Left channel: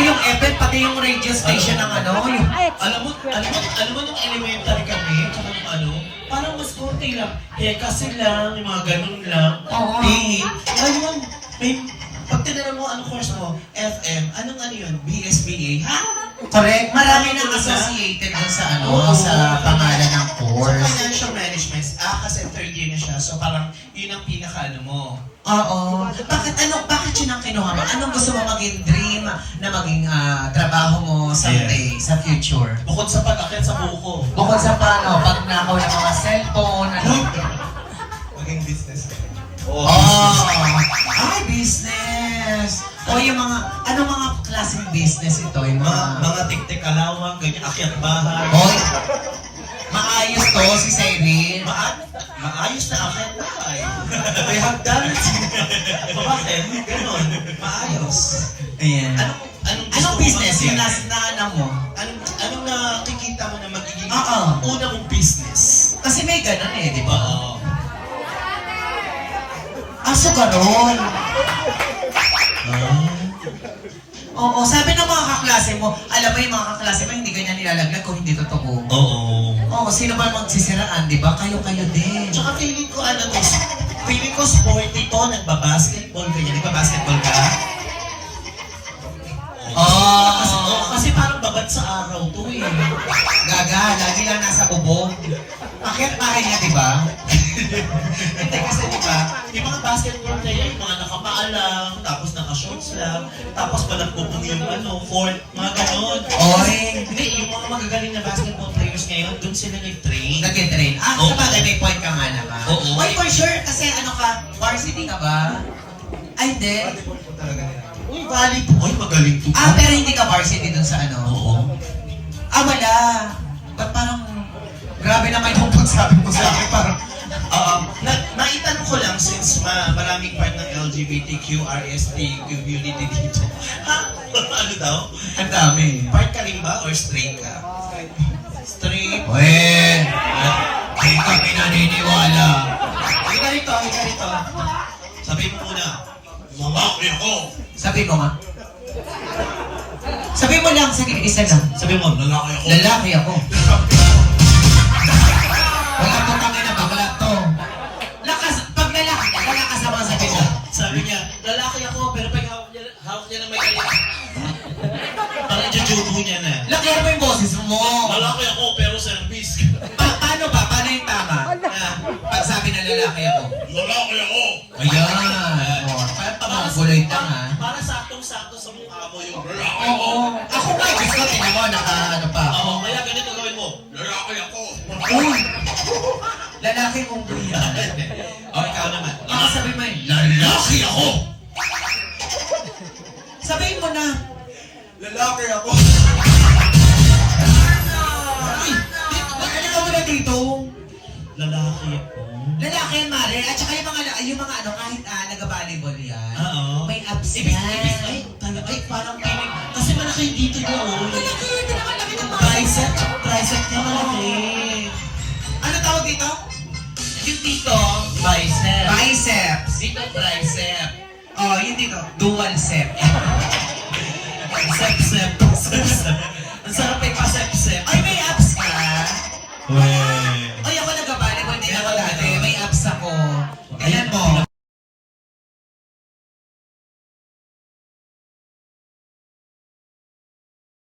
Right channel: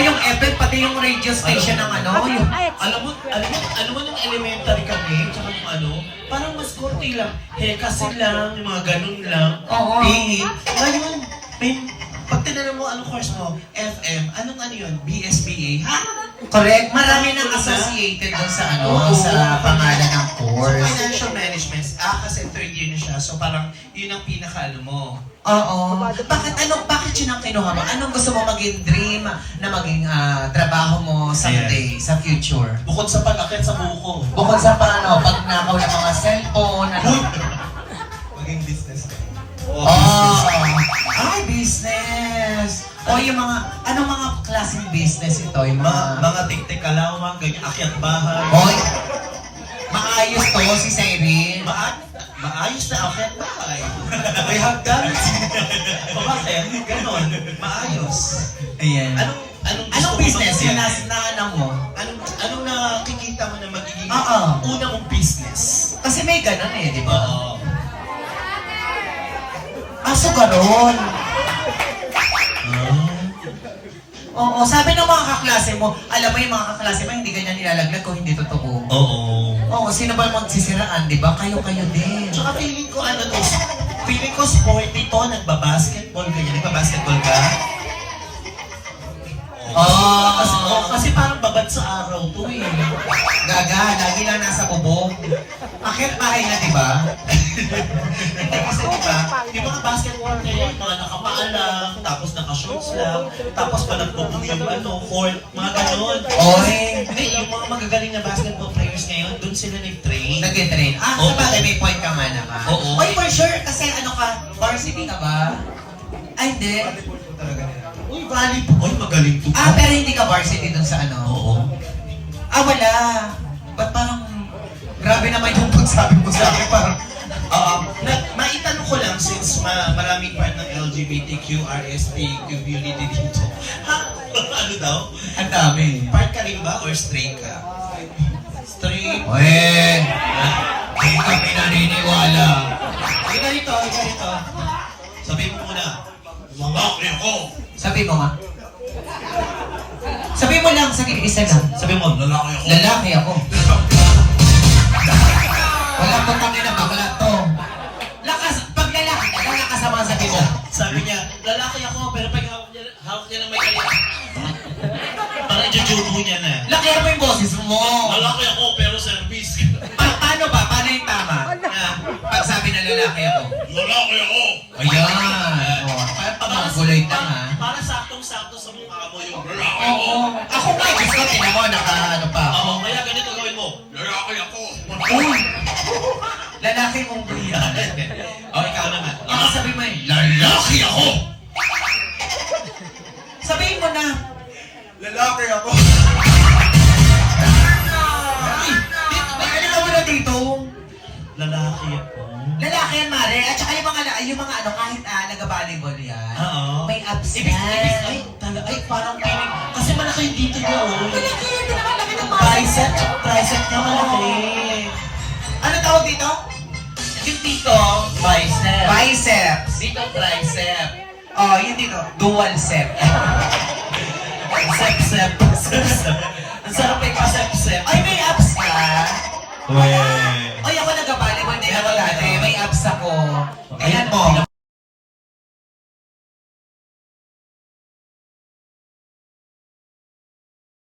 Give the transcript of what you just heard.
yung effect, pati yung radio station ng ano, yung... Alam mo nung elementary kami, tsaka nung ano, parang mas konti lang. Kasi lang, yung mga ganun lang. Oo. PE. Ngayon, may, pag tinanong mo, ano course mo? FM. Anong ano yun? BSBA? Ha? Correct. Marami nang associated dun sa ano, sa pangalan ng course. Financial management. Kasi third year na siya. So parang yun ang pinaka-ano mo. Oo. Bakit yun ang kinuha mo? Anong gusto mo maging dream na maging trabaho mo someday, sa future? Bukod sa pag-akit sa buko. Bukod sa paano, pag nakaw ng mga cellphone, ano? Maging business. Ay, business! O yung mga, anong mga klaseng business ito? Yung Mga tik-tik kalawang, ganyan, akyat bahay. Hoy, maayos to si Cyril. Maayos na akyat bahay. We have done it. O bakit? Ganon. Maayos. Ayan. Anong business yung nasa naalam mo? Anong nakikita mo na magiging Oo. una mong business? Kasi may ganun eh, di ba? Oo. So ganun. Oo, sabi ng mga kaklase mo, alam mo yung mga kaklase mo, hindi ganyan nilalaglag kung hindi totoo. Oo. Oo, sino ba magsisiraan, di ba? Kayo-kayo din. Tsaka feeling ko feeling ko sporty to, nagbabasketball ka, nagbabasketball ka. Kasi parang babad sa araw to eh. Gaga, lagi lang nasa bubong. Akyat bahay nga, di ba? Kasi diba, yung mga basketball player, mga nakapaa lang, tapos naka-shorts lang, tapos pa nagpupong yung court, mga ganon. Oy, Hindi, yung mga magagaling na basketball players ngayon, dun sila nag-train. nag-train. Oo. Sabagay may point ka nga naman. Oo. Oy, for sure, kasi ano ka, varsity ka ba? Ay, hindi. Uy, volleyball, magaling to. Pero hindi ka varsity dun sa ano? Oo. Wala. Ba't parang, grabe naman yung pagsabi mo sa akin, parang, Maitanong ko lang, since maraming part ng LGBTQRST community dito. Ha? Ano daw? ang dami. Part ka rin ba or straight ka? Straight? Well, hindi kami naniniwala. Ito. Sabihin mo muna, lalaki ako. Sabi mo nga. Sabi mo lang, sige, isa lang. Sabihin mo, lalaki ako. Lalaki ako. Wala pong kami na bakla to. Pag lalaki ka, lalakas sa mga sabi mo. Sabi niya, lalaki ako, pero pag hawak niya ng may kaya. Parang jujubo niya na. Laki mo yung boses mo. Lalaki ako, pero service. Paano ba? Paano yung tama? Pag sabi na lalaki ako. Lalaki ako. Ayan. Parang gulay tang ha. Para saktong-sakto sa mukha mo yung lalaki ako. Oo. Ako nga, gusto tingnan mo, naka-ano pa ako. Oo, kaya ganito gawin mo. Lalaki ako. Uy! Lalaki mong buyan. O, ikaw naman. Baka sabi mo eh, Lalaki ako. sabihin mo na. Lalaki ako. Ano ka muna dito? Lalaki ako. Lalaki yan, Mare. At saka yung mga ano, kahit nag-volleyball yan. Oo. May abs Ibig, yan. ay, parang piling. Kasi malaki yung dito yun. Malaki yan, di naman laki ng Bicep, tricep niya malaki. Ano tawag dito? Yung dito, bicep. Biceps. Dito, tricep. Oh, yun dito. Dual set. Sep. Ang sarap yung kasep-sep. Ay, may abs ka? Weh. Ay, ako nag-volleyball din ako dati. May abs ako. Ayan mo.